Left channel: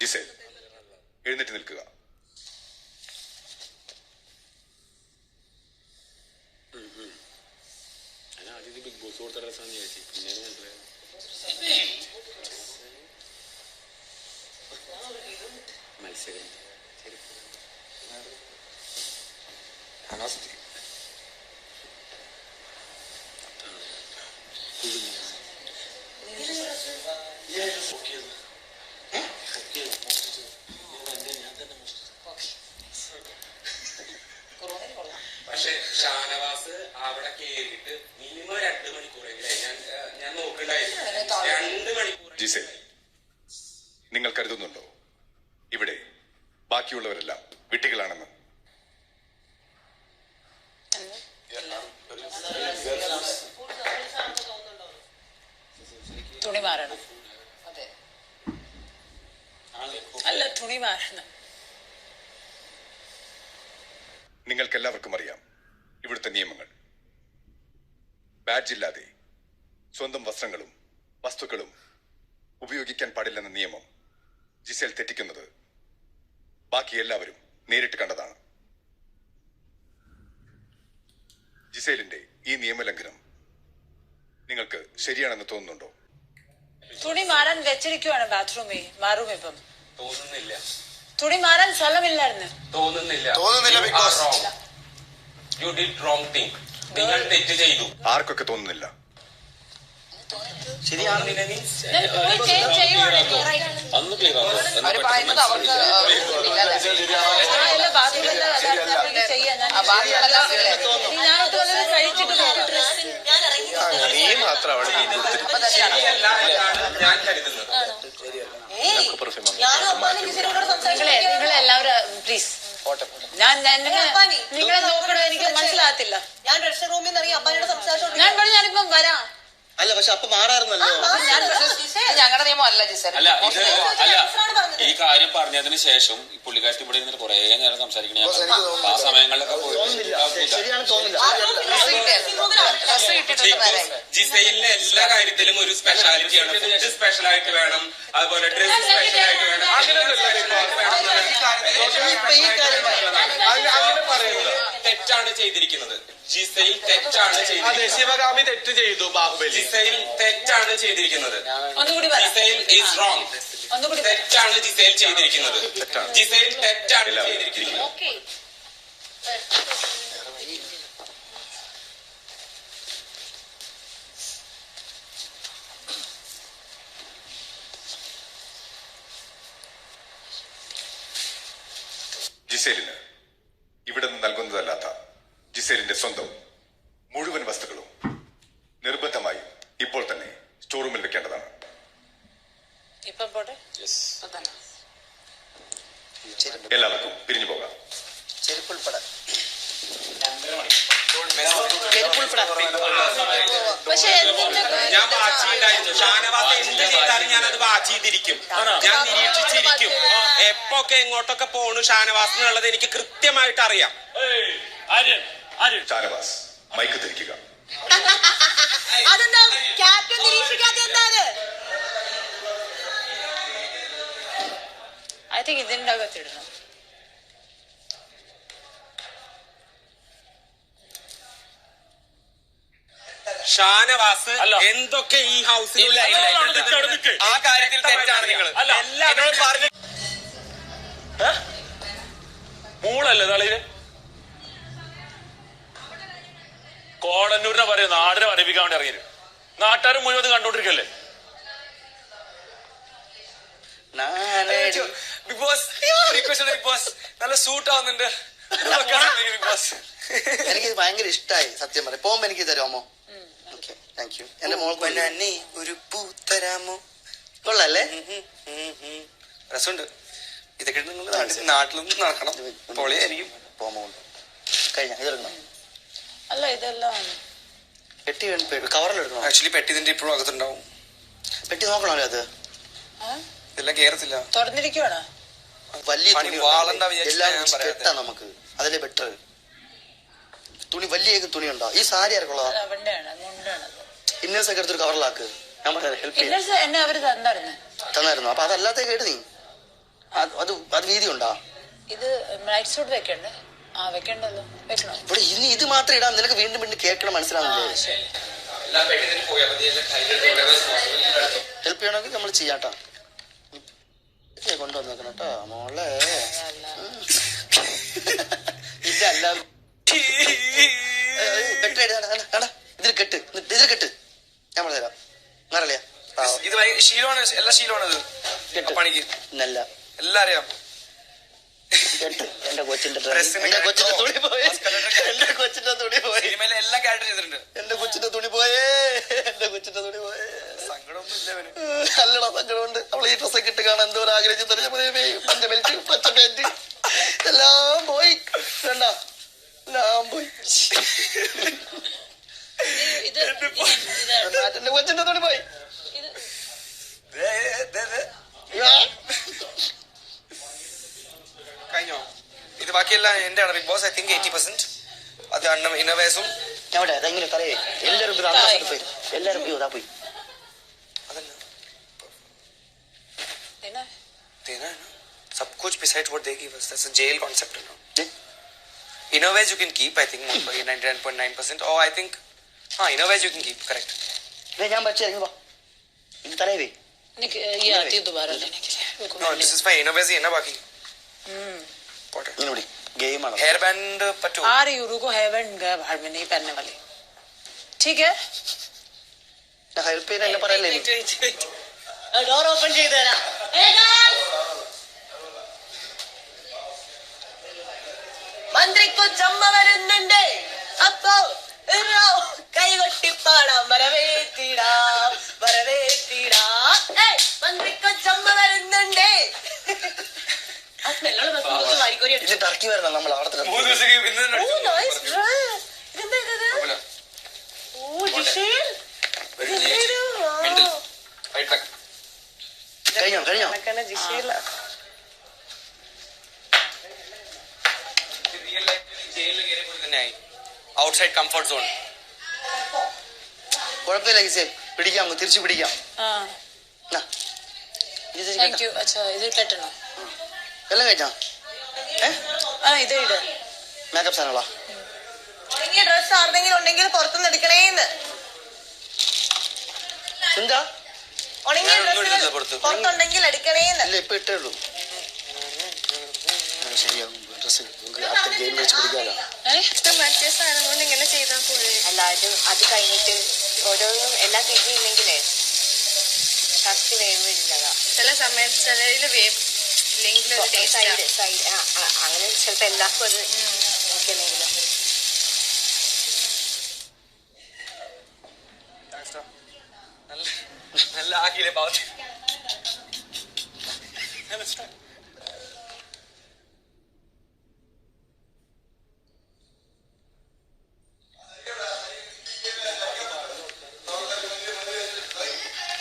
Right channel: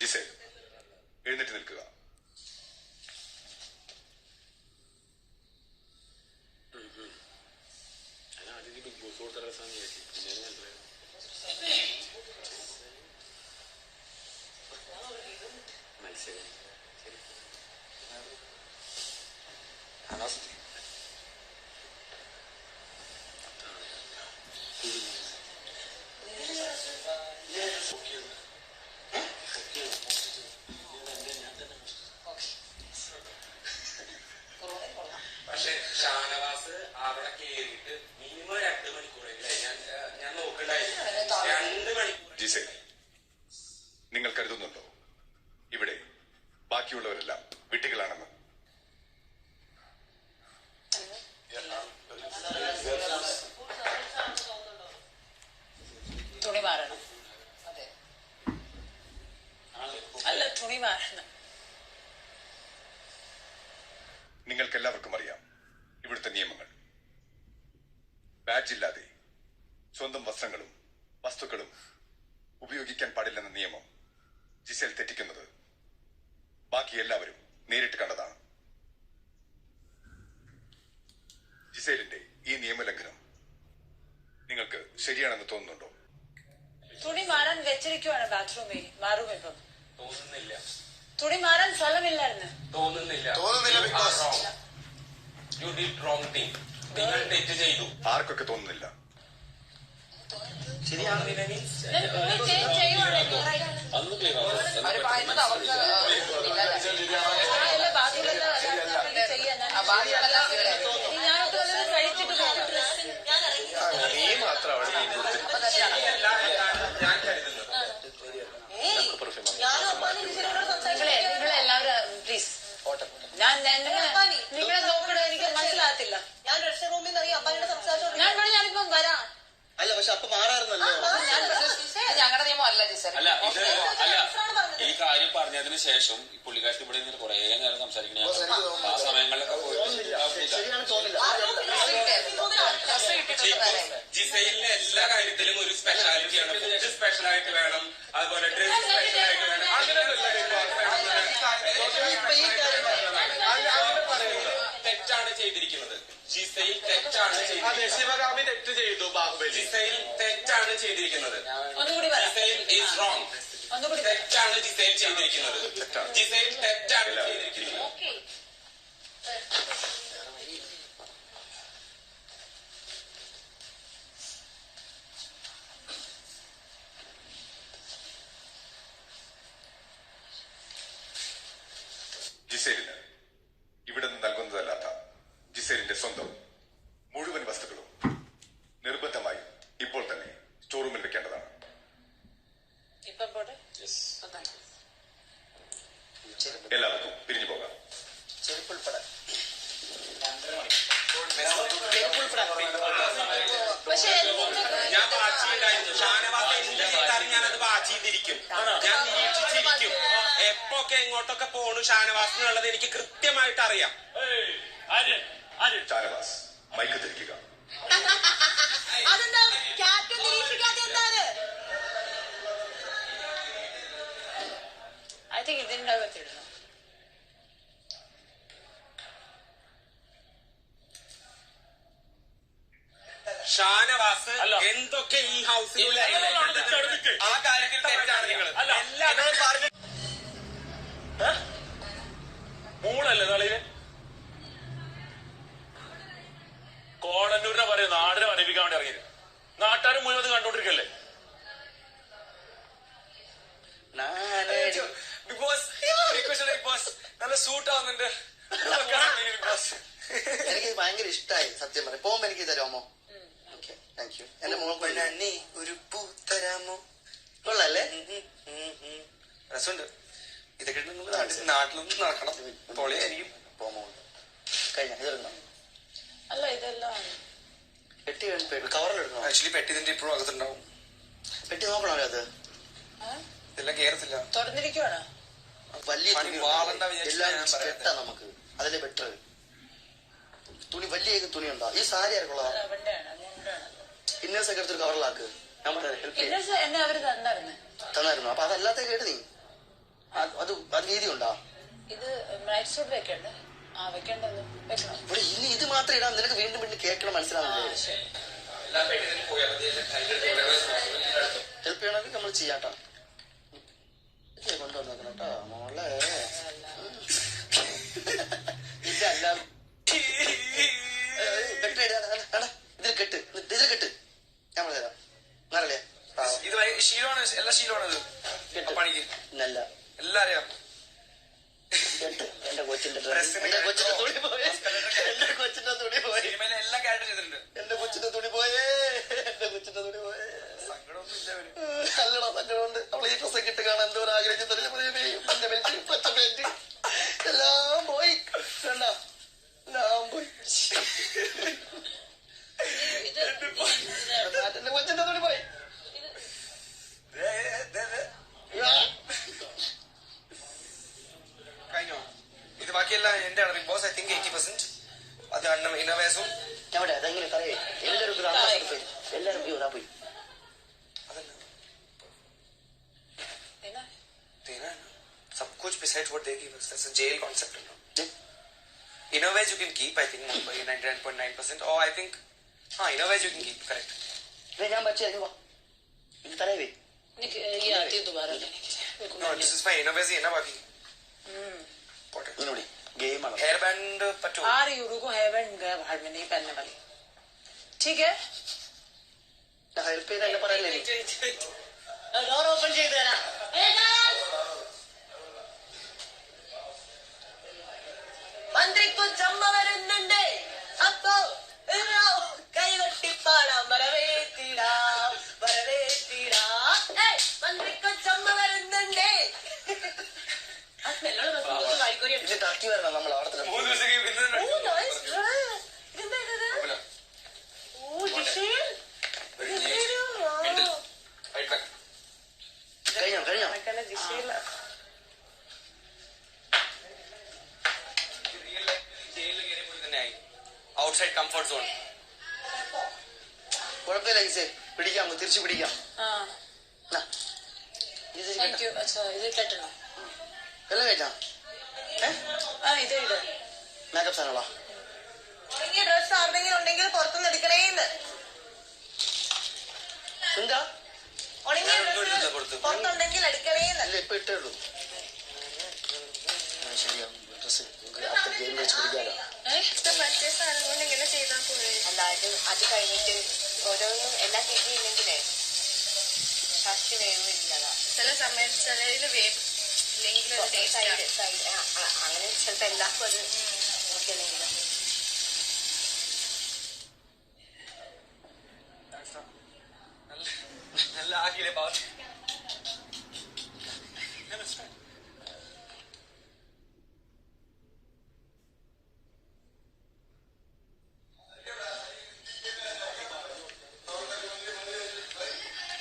Gizele, എഴുന്നേറ്റ് നിൽക്കുക. പക്ഷെ ഷാനവാസ് അവിടെ കയറിയിട്ട് മിനിമം 2 മണിക്കൂറെങ്കിലും ഞാൻ നോക്കണ്ടായിരുന്നു. 2 മണിക്കൂർ. ജിസേൽ, നിങ്ങൾ കരുതുന്നുണ്ടോ ഇവിടെ ബാക്കിയുള്ളവരെല്ലാം വിട്ടികളാണെന്ന്? തുണി മാറണം. അതെ, അല്ല, തുണി മാറണം. നിങ്ങൾക്കെല്ലാവർക്കും അറിയാം ഇവിടുത്തെ നിയമങ്ങൾ. ബാഡ്ജ് ഇല്ലാതെ സ്വന്തം വസ്ത്രങ്ങളും വസ്തുക്കളും ഉപയോഗിക്കാൻ പാടില്ലെന്ന നിയമം ജിസേൽ തെറ്റിക്കുന്നത് ബാക്കി എല്ലാവരും നേരിട്ട് കണ്ടതാണ്. ജിസേലിന്റെ ഈ നിയമലംഘനം നിങ്ങൾക്ക് ശരിയാണെന്ന് തോന്നുന്നുണ്ടോ? തുണി മാറാൻ വെച്ചിരിക്കുവാണ് ബാത്റൂമിൽ. മാറും ഇപ്പം. തോന്നുന്നില്ല. തുണി മാറാൻ സ്ഥലമില്ലായിരുന്നു. തോന്നുന്നില്ല. തോന്നുന്നില്ല. You did wrong thing. നിങ്ങൾ തെറ്റ് ചെയ്തു. ആർക്കൊക്കെ തോന്നുന്നില്ല? ശരിയാണ്. പോയി ചേഞ്ച് ചെയ്യുവാണെങ്കിൽ നീ മാത്രം അവിടെ ഞാൻ കരുതുന്നത്. നിങ്ങളെല്ലാവരും പ്ലീസ്, നിങ്ങളെ നോക്കണോ എനിക്ക് മനസ്സിലാകത്തില്ല. ഞാൻ ഡ്രസ്സിംഗ് റൂമിൽ നിന്ന് ഇറങ്ങി അപ്പാനോട് സംസാരിച്ചോണ്ട് ഞാൻ പറഞ്ഞു ഞാനിപ്പം വരാം. അല്ല, പക്ഷെ അപ്പൊ മാറാറുന്നല്ലോ. ഞങ്ങളുടെ നിയമം അല്ല ജിസേൽ. അല്ല, ഈ കാര്യം പറഞ്ഞതിന് ശേഷം ഈ പുള്ളിക്കാരത്തി ഇവിടെ ഇരുന്നിട്ട് കുറെ നേരം സംസാരിക്കണേ. ആ സമയങ്ങളിലൊക്കെ ശരിയാണ് തോന്നില്ല. ജിസൈലിന് എല്ലാ കാര്യത്തിലും ഒരു സ്പെഷ്യാലിറ്റിയാണ്. ഫുഡ് സ്പെഷ്യലായിട്ട് വേണം, അതുപോലെ ഡ്രസ് സ്പെഷ്യലായിട്ട് വേണം. തെറ്റാണ് ചെയ്തിരിക്കുന്നത്. ജിസൈൽ തെറ്റാണ് ചെയ്തിരിക്കുന്നത്. ശിവഗാമി തെറ്റ് ചെയ്തു. ബാഹുബലി ജിസൈൽ തെറ്റാണ് ചെയ്തിരിക്കുന്നത്. ജിസൈൽ ഈസ് റോങ്. തെറ്റാണ് ജിസൈൽ ചെയ്തിരിക്കുന്നത്. ജിസൈൽ തെറ്റാണ് ചെയ്തിരിക്കുന്നത്. ജിസേലിന് ഇവിടെ നിന്ന് നൽകുന്നതല്ലാത്ത ജിസേലിന്റെ സ്വന്തം മുഴുവൻ വസ്തുക്കളും നിർബന്ധമായി ഇപ്പോൾ തന്നെ സ്റ്റോർ റൂമിൽ വെക്കേണ്ടതാണ്. ഇപ്പം പോട്ടെ. എല്ലാവർക്കും പിരിഞ്ഞു പോകാം. പക്ഷെ ഞാൻ വാച്ച് ചെയ്തായിരുന്നു. ഷാനവാസ് എന്ത് ചെയ്താലും ഞാനത് വാച്ച് ചെയ്തിരിക്കും. ഞാൻ നിരീക്ഷിച്ചിരിക്കും. എപ്പൊക്കെ എങ്ങോട്ടൊക്കെ പോണു ഷാനവാസ് എന്നുള്ളത് എനിക്ക് കൃത്യമായിട്ട് അറിയാം. ഷാനവാസ്, മൈക്ക് തിരിക്കുക. അതെന്താ ക്യാപ്റ്റൻ നിരീക്ഷിക്കാത്ത എന്താണ്? ഐ തിങ്ക് ഇതിന്റെ അകത്തിടണം. ഷാനവാസ് എന്തൊക്കെ ഈ ഹൗസിൽ ആ കാര്യത്തിൽ തെറ്റാണ് നിങ്ങൾ. മൂളല്ലേ തളിര് കോടന്നൂരിനെ പറയും നാടിനെ പഠിപ്പിക്കാൻ വേണ്ടി ഇറങ്ങിയത്. നാട്ടുകാരും മുഴുവൻ കണ്ടോണ്ടിരിക്കല്ലേ. ബിഗ് ബോസ് ബിഗ് ബോസ് നല്ല സൂട്ട് ആവുന്നുണ്ട്. എനിക്ക് ഭയങ്കര ഇഷ്ടമായി. സത്യം പറയാം. പോകുമ്പോ എനിക്ക് തരാമോ? Okay, thank you. എന്റെ മോൾക്ക് ഒരു പൂ തരാമോ? കൊള്ളല്ലേ? രസമുണ്ട്. ഇതൊക്കെ നാട്ടിലൊന്നും നടക്കണം. പൊളിയായിരിക്കും. പോകുമ്പോ കഴിഞ്ഞ ഇതെടുക്കണം. അല്ല, ഇതെല്ലാം പെട്ടി കവറിലെടുക്കണം. ആക്ച്വലി പെട്ടി ഇതിന്റെ ഇപ്പോഴും അകത്തുണ്ടാവും. പെട്ടി നോക്കണമല്ലോ. അത് ഇതെല്ലാം കേറത്തില്ല. തുറന്നിരിക്കുവാണ്. വലിയ എല്ലാം കെട്ടാ നമുക്ക്. അതിലെ ബെറ്റർ. തുണി വലിയ തുണി ഉണ്ടോ? ഈ സാരി ആർക്കുള്ളതാ? ഇന്നേഴ്സ് ഒക്കെ എടുത്തൊരു കവറിലാക്ക്. ഞാൻ പറയാം, ഹെൽപ്പ് ചെയ്യാം. എന്നെ അവര് തന്നായിരുന്നു. അപ്പൊ അതല്ലാത്ത കേട്ട് നീ അത് വീതി ഉണ്ടാ ഇത് നൈറ്റ് സൂട്ട് വെക്കണ്ടേ? ആ വെക്കണ്ടല്ലോ, വെക്കണോ? ഇവിടെ ഇനി ഇത് മാത്രം ഇടാം. നിനക്ക് വീണ്ടും വീണ്ടും കേൾക്കണം, മനസ്സിലാവുന്നില്ലേ? ഹെൽപ്പ് ചെയ്യണമെങ്കിൽ നമ്മൾ ചെയ്യാട്ടാ. കൊണ്ടുവന്നേക്കണം കേട്ടോ മോളെ. ഇതല്ല ഇതിൽ കെട്ട്, ഇതിൽ കെട്ട്. നമ്മൾ തരാം. അറിയാം ഇത് ശീലമാണ്, എല്ലാ ശീലമാണത് പണിക്ക്. നല്ല എല്ലാം അറിയാം. എന്റെ കൊച്ചിന്റെ തുണി പോയി, എന്റെ കൊച്ചിന്റെ തുണി പോയി, സിനിമയിലെ എല്ലാം ക്യാരക്ടർ ചെയ്തിട്ടുണ്ട്. എന്റെ കൊച്ചിന്റെ തുണി പോയേ, എന്റെ കൊച്ചിന്റെ തുണി പോയേ. സങ്കടമൊന്നും ഇല്ല. നല്ലടാ, സങ്കടമുണ്ട്. അവൾ ഈ ഡ്രസ്സൊക്കെ ഇട്ട് കാണാൻ എന്തോ ആഗ്രഹിച്ചു തെറിഞ്ഞ പഞ്ച ബെൽറ്റ്, പച്ച പാന്റ് എല്ലാം പോയി. വേണ്ട, എല്ലാം പോയി. എന്റെ കൊച്ചിന്റെ തുണി പോയി. കഴിഞ്ഞോ? ഇത് ബാക്കിയെല്ലാം എന്റെ ആണ്. Bigg Boss I think 80%. അത് ഇന്നോവേസും അവിടെ അതെങ്ങനെ പറയേ. എല്ലാരും പോയി, എല്ലാരും പോയി, പോയി. सब कुछ besides what they give us. That's a jail concept, you know. Innovations you can keep, I think, 99.9%. Or I think, innovations you can keep, correct. ഞാൻ പറ്റിയ ഇത് തലേ ये आती है दोबारा लेने के लिए। No, this is fine. Innovations है ना बाकी. ഇങ്ങോട്ട് ഗെയിം ആണ്. Hair band पट्टू. आ रही हूँ, रुको, हेवन गया बाहर में, नहीं पहनने वाली। ठीक है, ഹെൽപ്പ് ചെയ്ത് എന്നെ പറയല്ലേ. ഡോർ ഓപ്പൺ ചെയ്ത് തരാം. മന്ത്രിക്കു ചമ്മ വരുന്നുണ്ട്. അപ്പോ കൈകൊട്ടിപ്പാടാം. വരവേറ്റിടാം, വരവേറ്റിടാം. മന്ത്രിക്കു ചമ്മ വരുന്നുണ്ട്. ഇത് ടർക്കി വരണം നമ്മൾ അവിടെ. 3 ദിവസം കഴിഞ്ഞോ? Outside comfort zone. കുഴപ്പമില്ല ഗിസേ, പിടിക്കാം, തിരിച്ചു പിടിക്കാം. हाँ थैंक यू. अच्छा इधर कटना. എല്ലാം കഴിച്ചാ? हाँ इधर इधर മേക്കപ്പ് സാധനങ്ങളാ? ഉണങ്ങിയ ഡ്രസ് ആരുടെങ്കിലും ഉണ്ടെങ്കിൽ പുറത്തുനിന്ന് എടുക്കണേന്ന്. എന്താ ഉണങ്ങിയ ഡ്രസ്സുകൾ പുറത്തുണ്ടെങ്കിൽ എടുക്കണേന്ന്. ഇല്ല, ഇപ്പൊ ഇട്ടേ ഉള്ളൂ. ശരിയാവും. ഡ്രസ് അടുത്ത ഗെയിം വെച്ച് പിടിക്കാലോ. മറ്റേ സാധനം കൊണ്ട് ഇങ്ങനെ ചെയ്താൽ പോരെ? അല്ലാതെ അത് കഴിഞ്ഞിട്ട് ഓരോന്നും എല്ലാം തിരിഞ്ഞില്ലെങ്കിലേ കത്തി വേവില്ലതാ. ചില സമയത്ത് ചിലതിൽ വേവില്ലെങ്കിൽ സൈഡ് സൈഡ് അങ്ങനെ ചിലപ്പോ എല്ലാവർക്കും അത് നോക്കിയില്ല. നല്ല ആക്കിയില്ലേ പാവത്തി.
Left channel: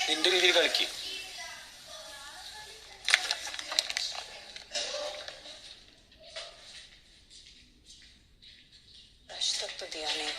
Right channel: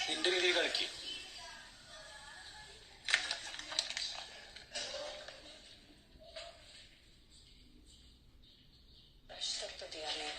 നിന്റെ രീതിയിൽ കളിക്ക്. तो दिया नहीं.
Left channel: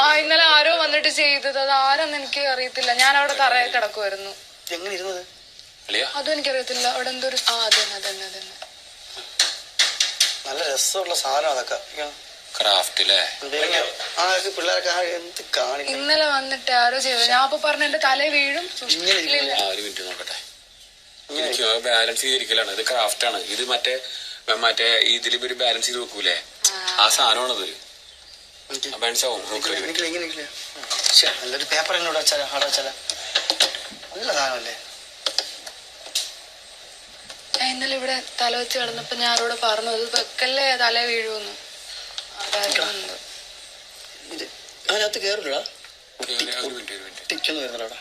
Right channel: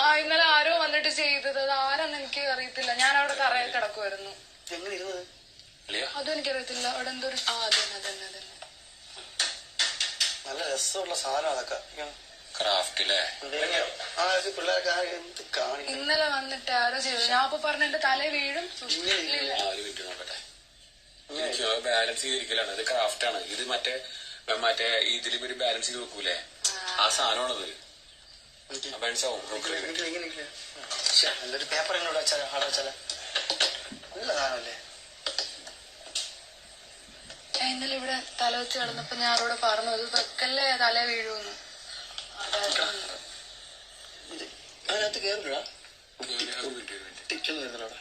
ആ ഇന്നലെ ആരോ വന്നിട്ട് ചെയ്തത്. അത് ആരെന്ന് എനിക്ക് അറിയത്തില്ല. ഞാൻ അവിടെ തറയിൽ കിടക്കുമായിരുന്നു. എങ്ങനെ ഇരുന്നത് അതും എനിക്കറിയത്തില്ല. അവിടെ എന്തോ ഒരു അതന്നെ നല്ല രസമുള്ള സാധനം അതൊക്കെ. ക്രാഫ്റ്റ് അല്ലേ? പിള്ളേർക്ക് എന്ത് കാണി. ഇന്നലെ വന്നിട്ട് ആരോ ചെയ്തത്. ഞാൻ അപ്പൊ പറഞ്ഞ എന്റെ തല വീഴും. ഒരു മിനിറ്റ് നോക്കട്ടെ. എനിക്ക് ബാലൻസ് ചെയ്തിരിക്കലാണ്. ഇത് ക്രാഫ്റ്റ് ആണ്. ഇത് മറ്റേ ഇതിലൊരു ബാലൻസ് ചെയ്ത് വെക്കൂലേ, ആ സാധനമാണത്. നല്ലൊരു പേപ്പർ എന്നോട് വെച്ചാലോ, അവിടെ വെച്ചാലോ. നല്ല സാധനമല്ലേ? ഇന്നലെ ഇവിടെ തല വെച്ച് കിടന്നപ്പോ ഞാൻ ആരോടെ പറഞ്ഞു അത് വെക്കല്ലേ, തല വീഴുമെന്ന്. അതിനകത്ത് കേറില്ല, ടിക്കൊന്നും വരുന്നില്ല അവിടെ.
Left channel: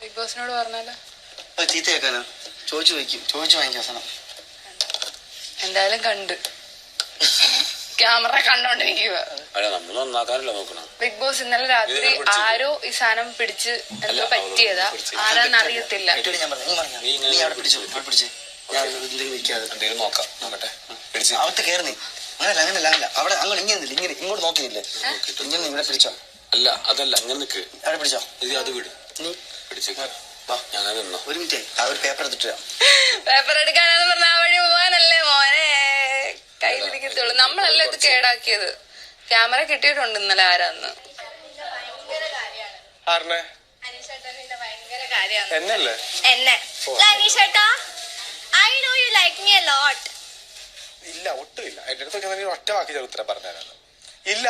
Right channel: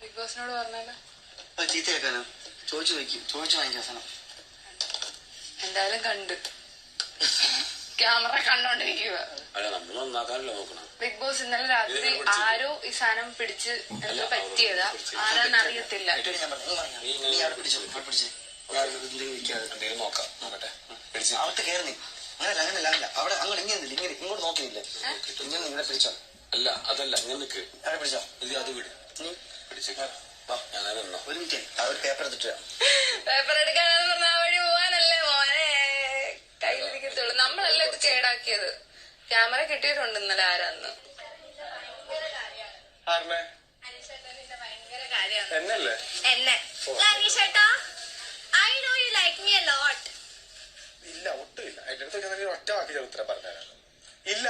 ബിഗ് ബോസിനോട് പറഞ്ഞാലോ? അത് ചീത്തയാക്കാനോ? ചോദിച്ചു വാങ്ങിക്കാം അവസാനം. എന്തായാലും കണ്ട് ക്യാമറ കണ്ടോണ്ടിരിക്കുക. അല്ല നമ്മൾ നന്നാക്കാനല്ലോ നോക്കണം. ബിഗ് ബോസ് ഇന്നലെ രാത്രി ആരോ ഈ സാധനം പിടിച്ച് എന്തോ പറ്റിയതാ, ആരാന്ന് അറിയത്തില്ല. ഞാൻ പറഞ്ഞു നീ അവിടെ പിടിച്ചേ ഞാൻ ഇതിലേക്ക് വെക്കാതെ എന്തെങ്കിലും നോക്കട്ടെ. അകത്ത് കയറി നീ. അങ്ങനല്ല അവിടെ അങ്ങനെ ഇങ്ങനെ ഇങ്ങോട്ട് നോക്കിയില്ലേ? ഇങ്ങനെ ഇവിടെ പിടിച്ചോ. അല്ല അതല്ല അങ്ങനെ നിക്ക്. അവിടെ പിടിച്ചോ. അത് വിട്. നീ പിടിച്ചേക്കാ. ഞങ്ങൾ നിന്നോ. ഒരു മിനിറ്റ് ഒരു പേപ്പർ എടുത്തിട്ട് പേപ്പർ എടുക്കാനെന്ന് പറഞ്ഞ ആ വഴി പോകാനല്ലേ മോനെ കയ്യിലിരിക്കത്തുള്ളൂ. നമ്മളല്ല ഇത് കേടാക്കിയത്. ക്യാമറ കിട്ടിയിട്ടുണ്ട് ഇന്നലെ ആരാന്ന്. ഭയങ്കര കാര്യമാണ് എന്നല്ലേ എന്നെ അനീഷേട്ടാ I know you like me a lot. ഇല്ല ഒട്ടുമില്ല. എന്റെ അടുത്തൊക്കെ ഒറ്റ വാക്കി ഉത്തരം പറഞ്ഞാണ്. ഇല്ല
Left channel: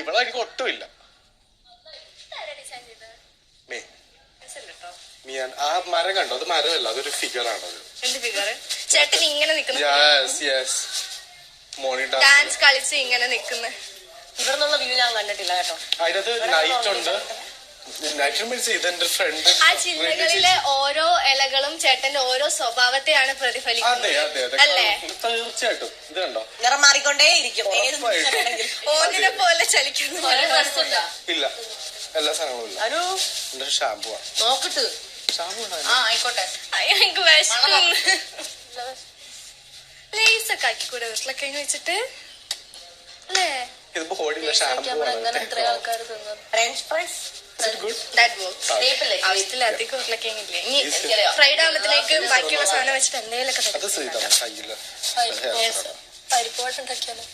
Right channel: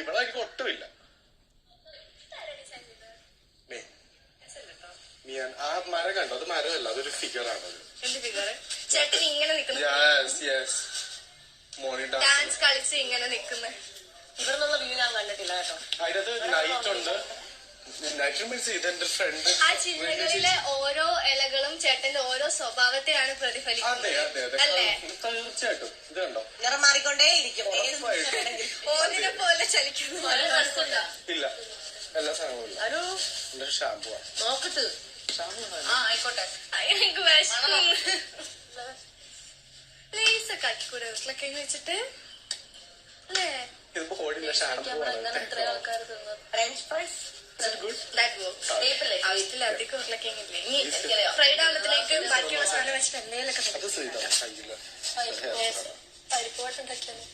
ഇവിടെ എനിക്ക് ഒട്ടുമില്ല. ആ മരം കണ്ടോ? അത് മരമല്ല, അതൊരു ഫിഗർ ആണ്. എന്ത് ഫിഗർ? ചേട്ടൻ ഇങ്ങനെ നിൽക്കുന്നു, ഡാൻസ് കളിച്ച് ഇങ്ങനെ നിൽക്കുന്ന ഇവിടെ നിന്നുള്ള വ്യൂ ഞാൻ കണ്ടിട്ടില്ല കേട്ടോ. അതിനകത്ത് നൈറ്റ് ഉണ്ട്. നൈറ്റ് മീൻസ് ഇതെന്റെ ഫ്രണ്ട്. ആ ചില്ലകളിലെ ഓരോ ഇലകളും ചേട്ടന്റെ ഓരോ സ്വഭാവത്തെയാണ് പ്രതിഫലിക്കുന്നത് അല്ലേ? തീർച്ചയായിട്ടും. ഇത് കണ്ടോ? നിറം മാറിക്കൊണ്ടേയിരിക്കും. ഓന്നിനെ പോലെ ചലിക്കുന്നു. ഇല്ല എല്ലാ സാധനങ്ങളും ഇല്ല. എന്റെ ഷാമ്പു ആണ്. നോക്കിട്ട് ആയിക്കോട്ടെ. അയ്യോ എനിക്ക് വിശക്കുന്നു. ലേസ് ഒക്കെ ആക്കി കൂടെ വീട്ടിലൊക്കെ വെച്ചിട്ട് അല്ലേ? ഇതിപ്പോ കോടിയില്ല ഷാമ്പു ആണ്. ഫ്രഞ്ച് ഫ്രൈസ് ആവശ്യത്തിലധികം ഉരുളക്കിഴങ്ങില്ലേ? ഇനി ഫ്രൈഡ് ആകുമ്പത്തിലേക്ക് ബാക്കിയുള്ള സാധനം വെച്ചിട്ട് എന്തെങ്കിലുമൊക്കെ അത് ചെയ്താ കയ്യില്ല. പരിപ്പോട്ട് ഉണ്ടാക്കിയാലോ?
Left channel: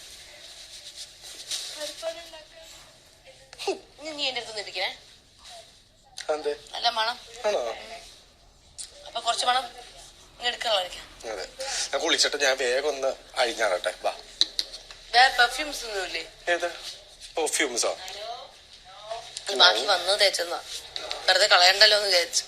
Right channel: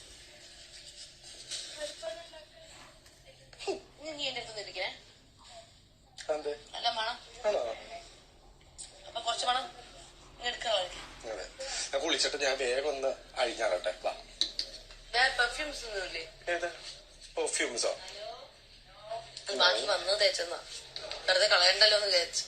നീ എന്റെ അടുത്ത് നിൽക്കണേ. അതെ നല്ല മണം. ആണോ? അപ്പൊ കുറച്ച് മണം എടുക്കാതെ അതെ. ഞാൻ കുളിച്ചിട്ട് ഞാൻ വേഗം ഒന്ന് അഴിഞ്ഞാറട്ടെ. വാ. പെർഫ്യൂംസ് ഒന്നുമില്ലേ? ഏത് പെർഫ്യൂംസോ? ബാക്കി വന്നത് തേച്ചെന്നാ, വെറുതെ കളയണ്ടല്ലോ എന്ന് വിചാരിച്ചു.